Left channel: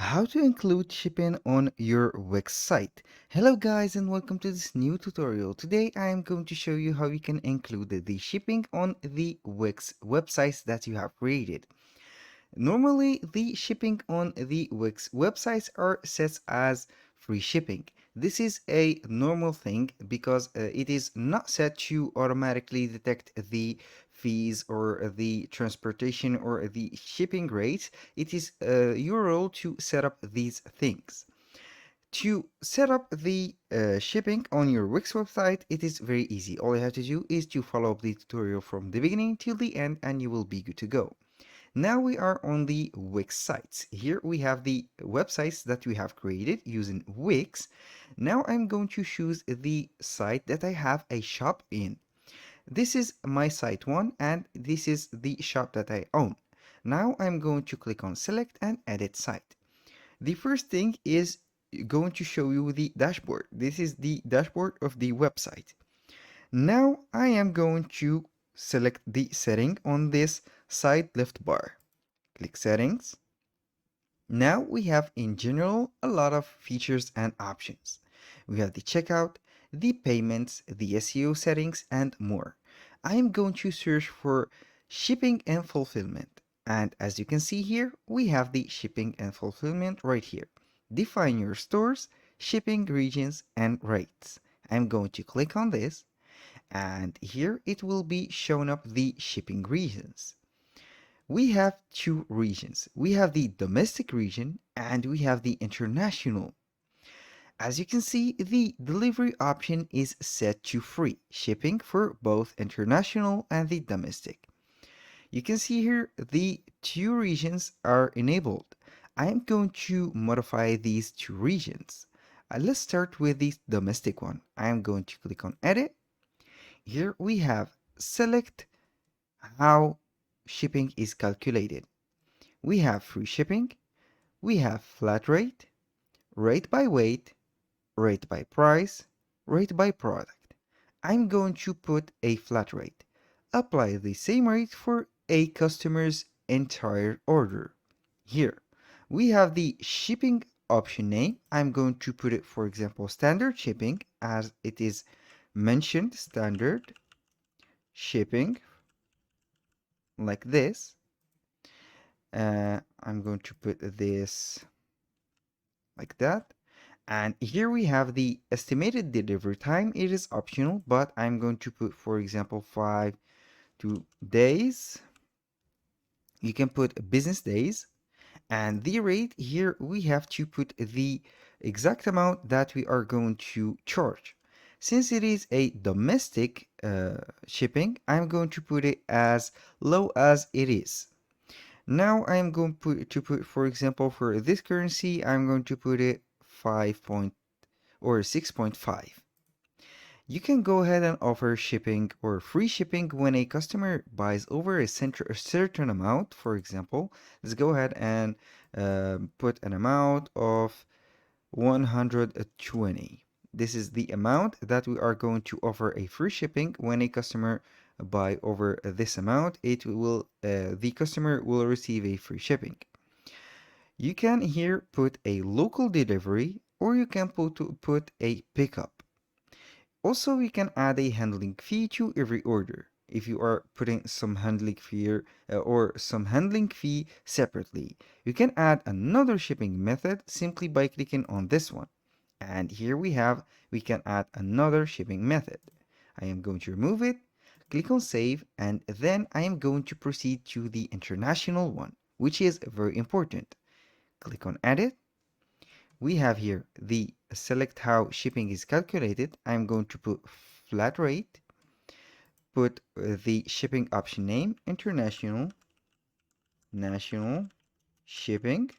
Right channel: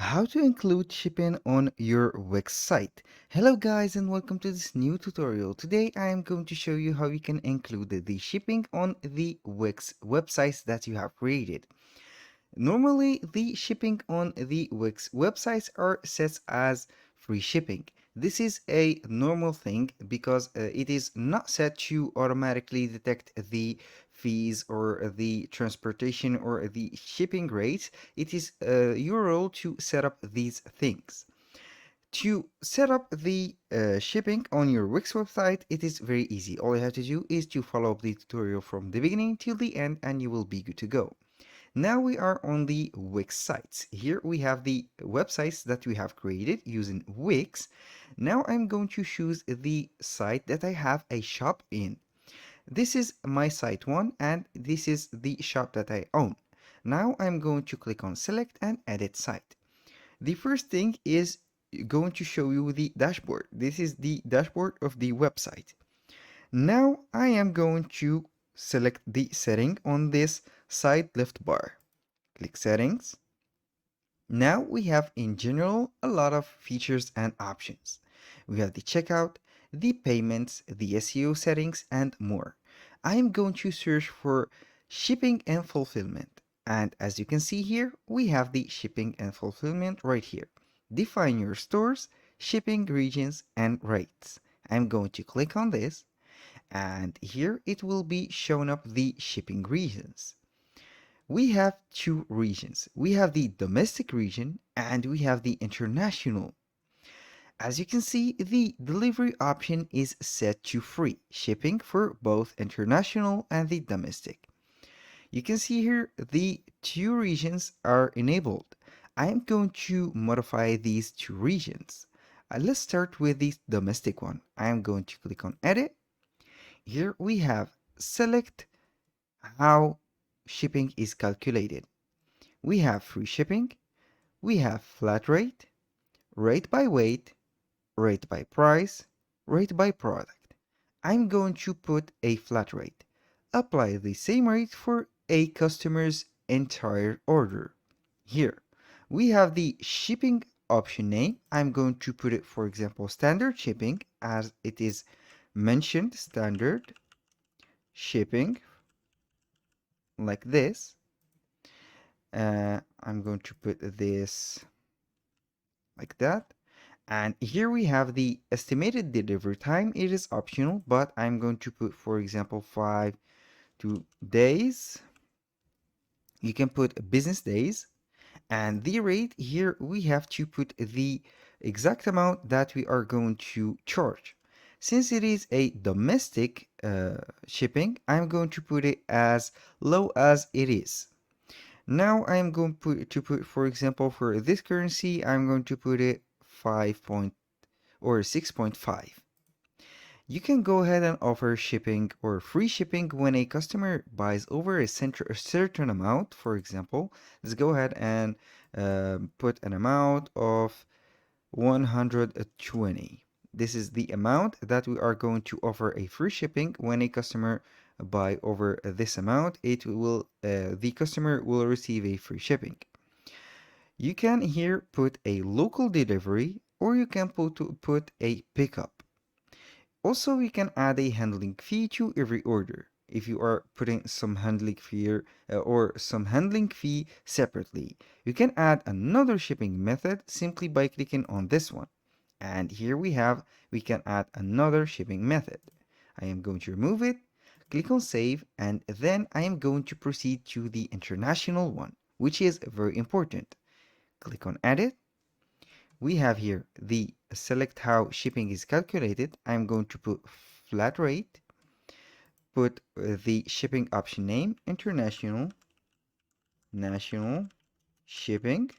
How to include shipping on your Wix site. Hello guys and welcome to this new tutorial. Today I am going to show you how you can include the shipping on the Wix websites that you have created. Normally the shipping on the Wix websites are set as free shipping. This is a normal thing because it is not set to automatically detect the fees or the transportation or the shipping rates. It is your role to set up these things. To set up the shipping on your Wix website, it is very easy. All you have to do is to follow up the tutorial from the beginning till the end and you will be good to go. Now we are on the Wix sites. Here we have the websites that we have created using Wix. Now I'm going to choose the site that I have a shop in. This is my site one and this is the shop that I own. Now I'm going to click on select and edit site. The first thing is going to show you the dashboard. This is the dashboard of the website. Now I am going to select the setting on this side left bar. Click settings. Now we have in general a lot of features and options. We have the checkout, the payments, the SEO settings and more. I am going to search for shipping and fulfillment. And as you can see here, we have the shipping and fulfillment right here. Define your stores, shipping regions and rates. I'm going to click on this and here it will be showing up the shipping regions. We have two regions. We have the domestic region and we have the international. As you can see, the delivery option is set to free shipping for both international and the domestic. You can see here the two regions are enabled. I am going to modify these two regions. Let's start with the domestic one. I am going to click on edit. Here we have select how shipping is calculated. We have free shipping, we have flat rate, rate by weight, rate by price, rate by product. I'm going to put a flat rate. Apply the same rate for a customer's entire order. Here, we have the shipping option name. I'm going to put it, for example, standard shipping, as it is mentioned, standard shipping, like this. I'm going to put this like that. And here we have the estimated delivery time. It is optional, but I'm going to put, for example, 2 days. You can put business days. And the rate here, we have to put the exact amount that we are going to charge. Since it is a domestic shipping, I'm going to put it as low as it is. Now I'm going to put, for example, for this currency, I'm going to put it 6.5. You can go ahead and offer shipping or free shipping when a customer buys over a certain amount. For example, let's go ahead and put an amount of 120. This is the amount that we are going to offer a free shipping when a customer buy over this amount. The customer will receive a free shipping. You can here put a local delivery or you can put a pickup. Also, we can add a handling fee to every order if you are putting some handling fee separately. You can add another shipping method simply by clicking on this one. And here we can add another shipping method. I am going to remove it, click on save, and then I am going to proceed to the international one, which is very important. Click on edit. We have here the select how shipping is calculated. I'm going to put flat rate, put the shipping option name, international, national, shipping,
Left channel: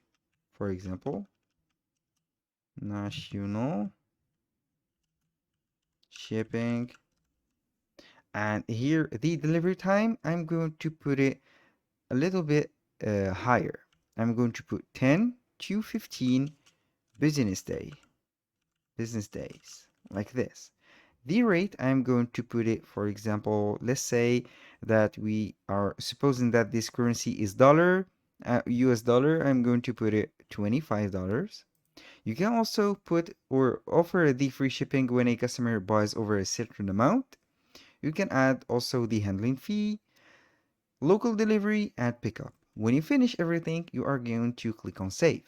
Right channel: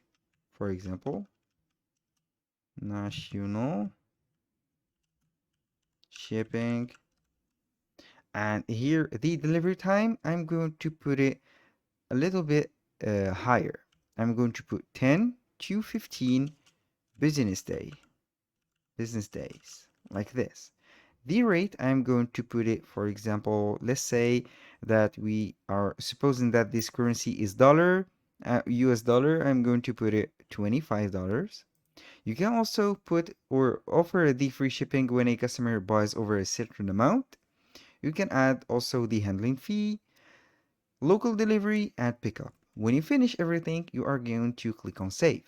for example, national, shipping, and here the delivery time, I'm going to put it a little bit higher. I'm going to put 10 to 15 business days, like this. The rate, I'm going to put it, for example, let's say that we are supposing that this currency is US dollar. I'm going to put it $25. You can also put or offer the free shipping when a customer buys over a certain amount. You can add also the handling fee, local delivery, and pickup. When you finish everything, you are going to click on save.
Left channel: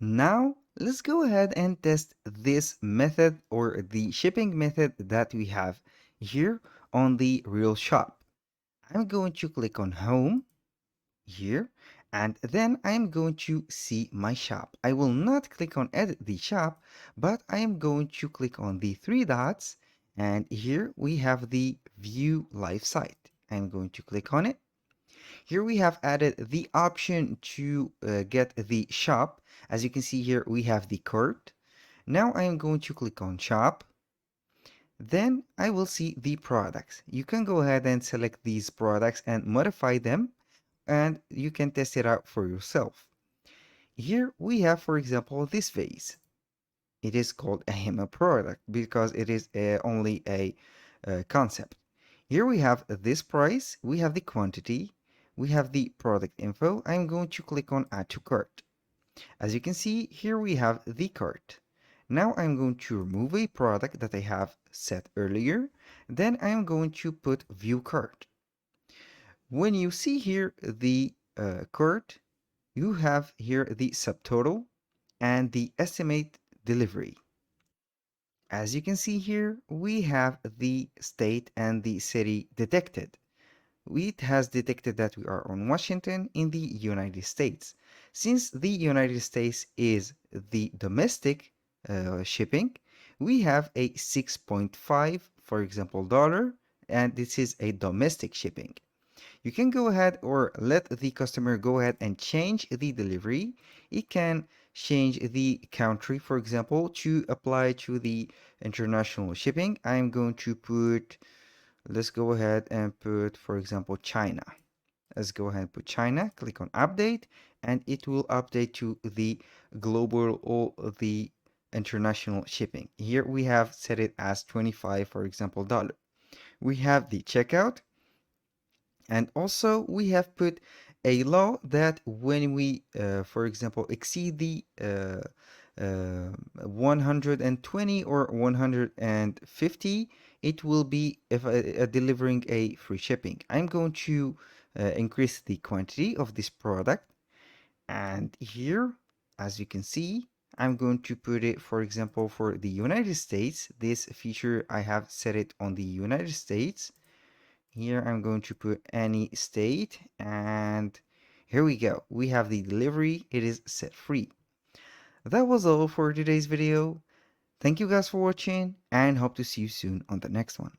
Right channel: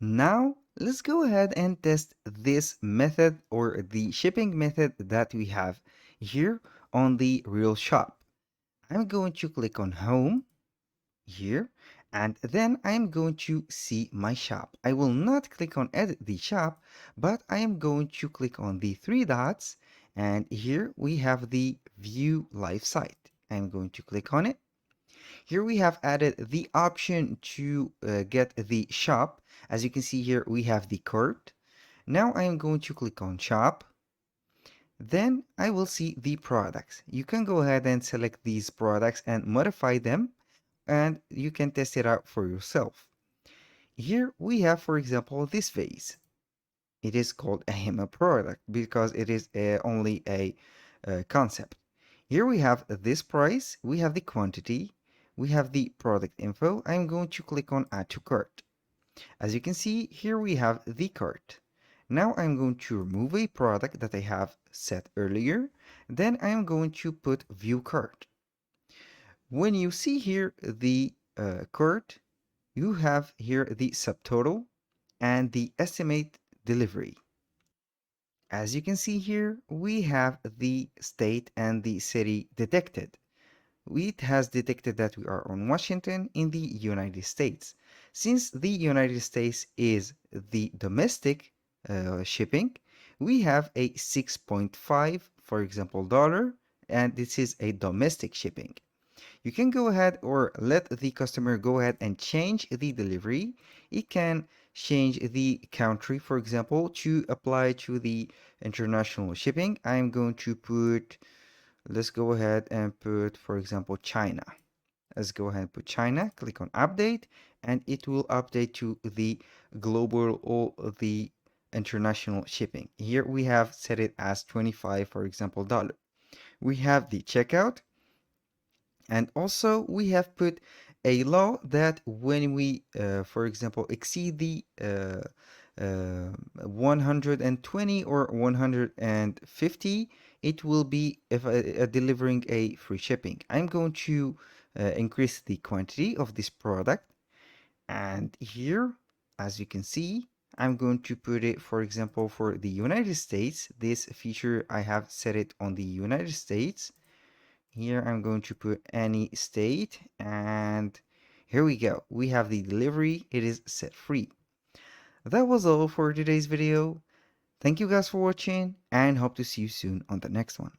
Now, let's go ahead and test this method or the shipping method that we have here on the real shop. I'm going to click on home here, and then I'm going to see my shop. I will not click on edit the shop, but I am going to click on the three dots, and here we have the view live site. I'm going to click on it. Here we have added the option to get the shop. As you can see here, we have the cart. Now I am going to click on shop. Then I will see the products. You can go ahead and select these products and modify them, and you can test it out for yourself. Here we have, for example, this vase. It is called a HEMA product because it is only a concept. Here we have this price, we have the quantity, we have the product info. I'm going to click on add to cart. As you can see, here we have the cart. Now I'm going to remove a product that I have set earlier. Then I'm going to put view cart. When you see here the cart, you have here the subtotal and the estimate delivery. As you can see here, we have the state and the city detected. It has detected that we are on Washington in the United States. Since the United States is the domestic shipping, we have a 6.5, for example, dollar, and this is a domestic shipping. You can go ahead or let the customer go ahead and change the delivery. It can change the country, for example, to apply to the international shipping. I'm going to put, let's go ahead and put, for example, China. Let's go ahead and put China, click on update, and it will update to the global or the international shipping. Here we have set it as 25, for example, dollar. We have the checkout, and also we have put a law that when we, for example, exceed the 120 or 150, it will be if delivering a free shipping. I'm going to increase the quantity of this product, and here, as you can see, I'm going to put it, for example, for the United States. This feature, I have set it on the United States. Here I'm going to put any state, and here we go. We have the delivery. It is set free. That was all for today's video. Thank you guys for watching, and hope to see you soon on the next one.